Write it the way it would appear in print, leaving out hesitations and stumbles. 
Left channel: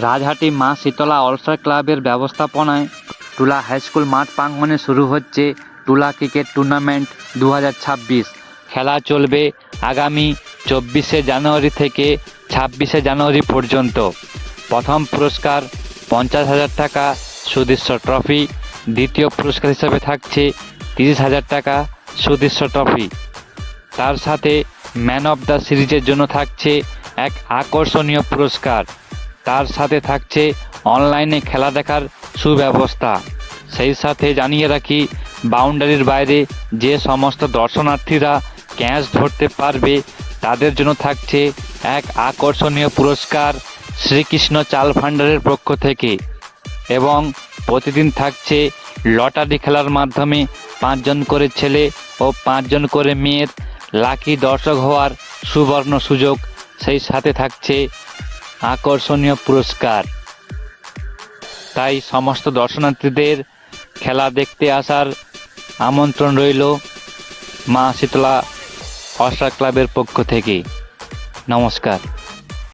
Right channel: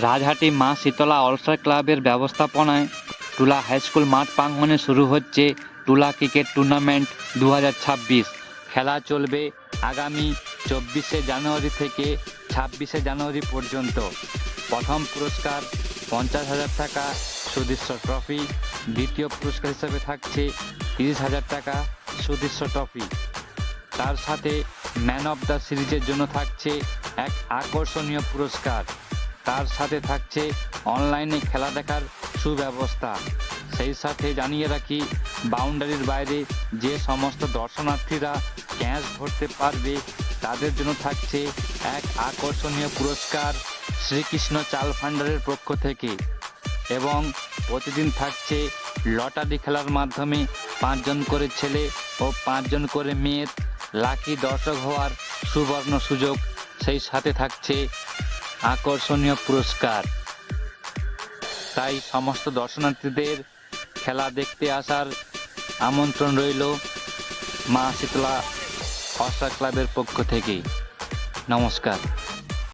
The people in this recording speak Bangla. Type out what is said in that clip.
রাজহাটি মা শীতলা ওয়েলফেয়ার ক্লাবের ব্যবস্থাপনায় টুলা হাইস্কুল মাঠ প্রাঙ্গণে শুরু হচ্ছে টুলা ক্রিকেট টুর্নামেন্ট 2026। খেলা চলবে আগামী 24শে জানুয়ারি থেকে 26শে জানুয়ারি পর্যন্ত। প্রথম পুরস্কার 50,000 টাকা সুদৃশ্য ট্রফি, দ্বিতীয় পুরস্কার হিসেবে থাকছে 30,000 টাকা সুদৃশ্য ট্রফি। তার সাথে ম্যান অফ দ্য সিরিজের জন্য থাকছে এক আকর্ষণীয় পুরস্কার। তার সাথে থাকছে অনলাইনে খেলা দেখার সুব্যবস্থা। সেই সাথে জানিয়ে রাখি, বাউন্ডারির বাইরে যে সমস্ত দর্শনার্থীরা ক্যাচ ধরতে পারবে তাদের জন্য থাকছে এক আকর্ষণীয় পুরস্কার শ্রীকৃষ্ণ চাল ভান্ডারের পক্ষ থেকে। এবং প্রতিদিন থাকছে লটারি খেলার মাধ্যমে 5 জন করে ছেলে ও 5 জন করে মেয়ের লাকি দর্শক হওয়ার সুবর্ণ সুযোগ। সেই সাথে থাকছে আকর্ষণীয় পুরস্কার। তাই সমস্ত দর্শনার্থীদের খেলা দেখতে আসার আমন্ত্রণ রইল মা শীতলা ওয়েলফেয়ার ক্লাবের পক্ষ থেকে। নমস্কার।